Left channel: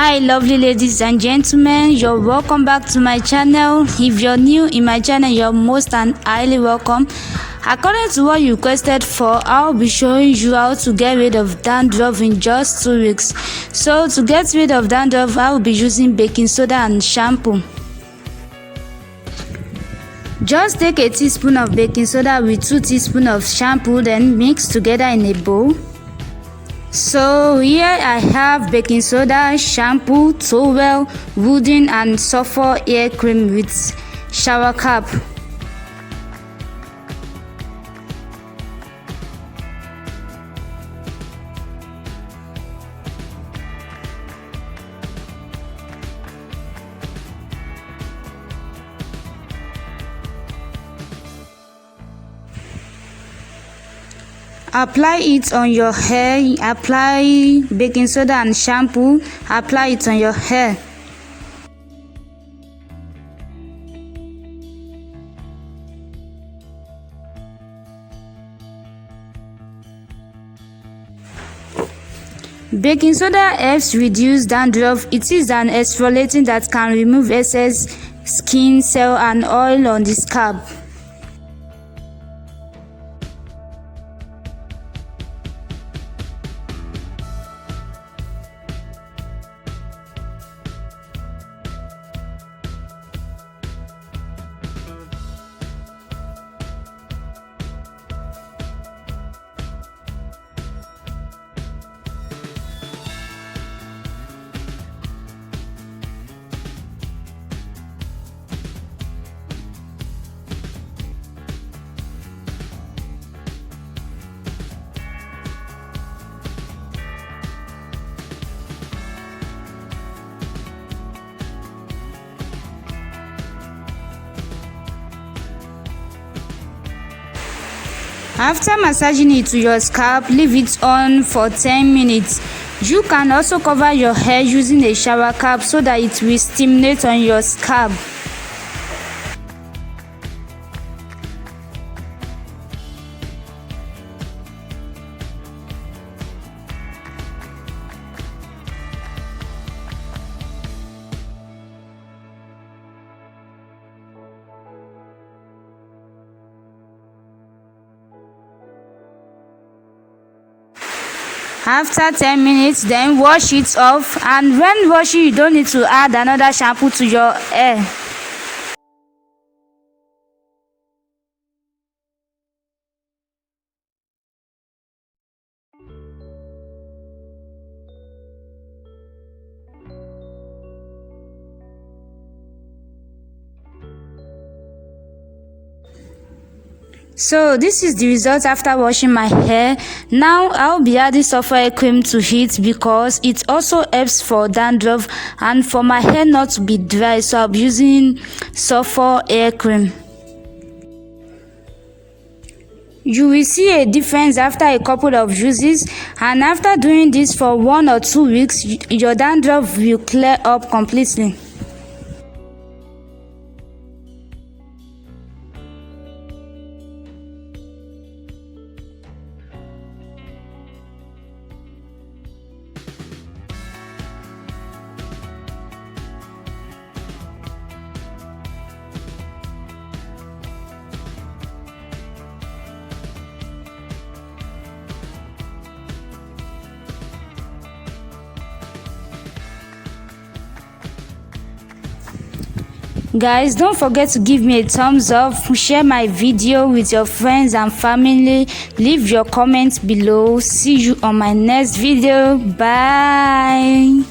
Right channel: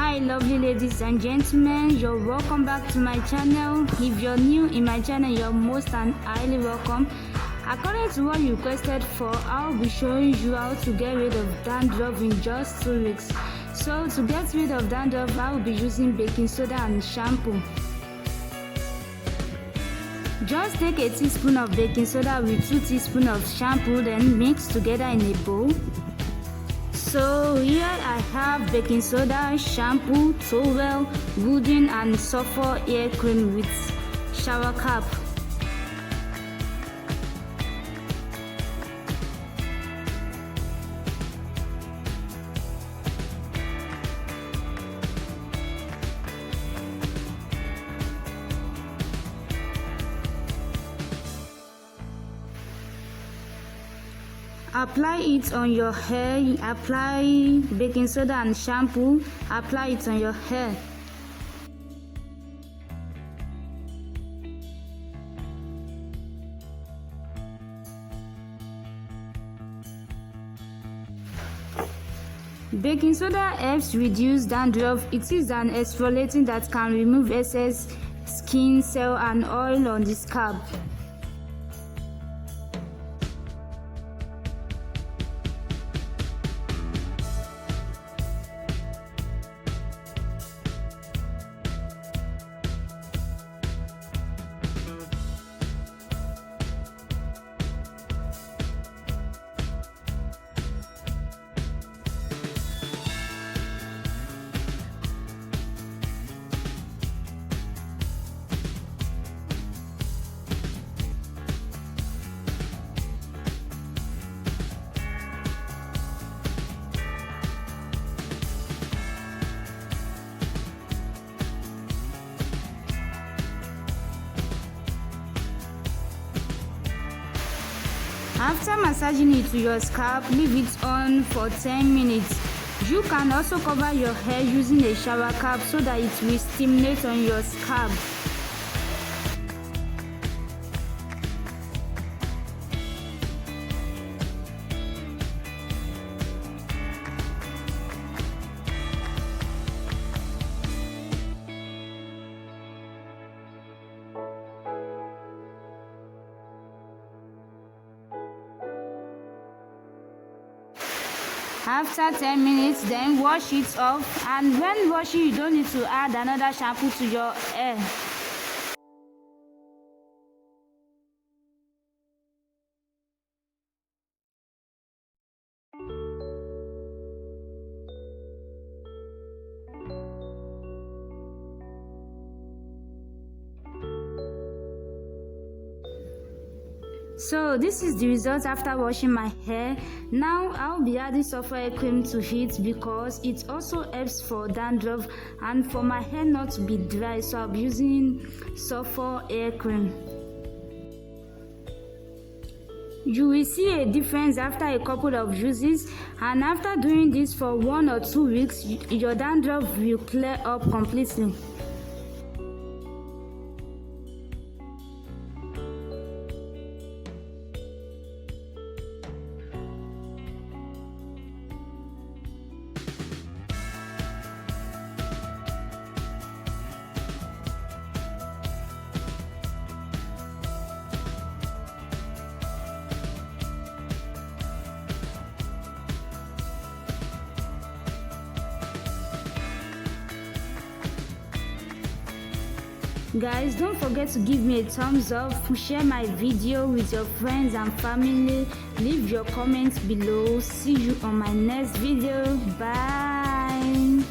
Hi lovely ladies and gentlemen, you're welcome back to my channel. If you're new in my channel, you're most and highly welcome. According to what you requested for, I'll be showing you how to get rid of dandruff in just 2 weeks. So to get rid of dandruff, I will be using baking soda and shampoo. Just take a teaspoon of baking soda with 2 teaspoons of shampoo, then mix together in a bowl. So here I have baking soda, shampoo, towel, wooden and sulfur hair cream with shower cap. Apply it on your hair. Apply baking soda and shampoo. Apply it on your hair. Baking soda helps reduce dandruff. It is an exfoliating that can remove excess skin cell and oil on the scalp. After massaging it to your scalp, leave it on for 10 minutes. You can also cover your hair using a shower cap so that it will stimulate on your scalp. After 10 minutes, then wash it off, and when washing you don't need to add another shampoo to your hair. So this is the result after washing my hair. Now I'll be adding sulfur hair cream to it because it also helps for dandruff and for my hair not to be dry, so I'll be using sulfur hair cream. You will see a difference after a couple of uses, and after doing this for 1 or 2 weeks, your dandruff will clear up completely. Guys, don't forget to give me a thumbs up, share my video with your friends and family, leave your comments below. See you on my next video. Bye.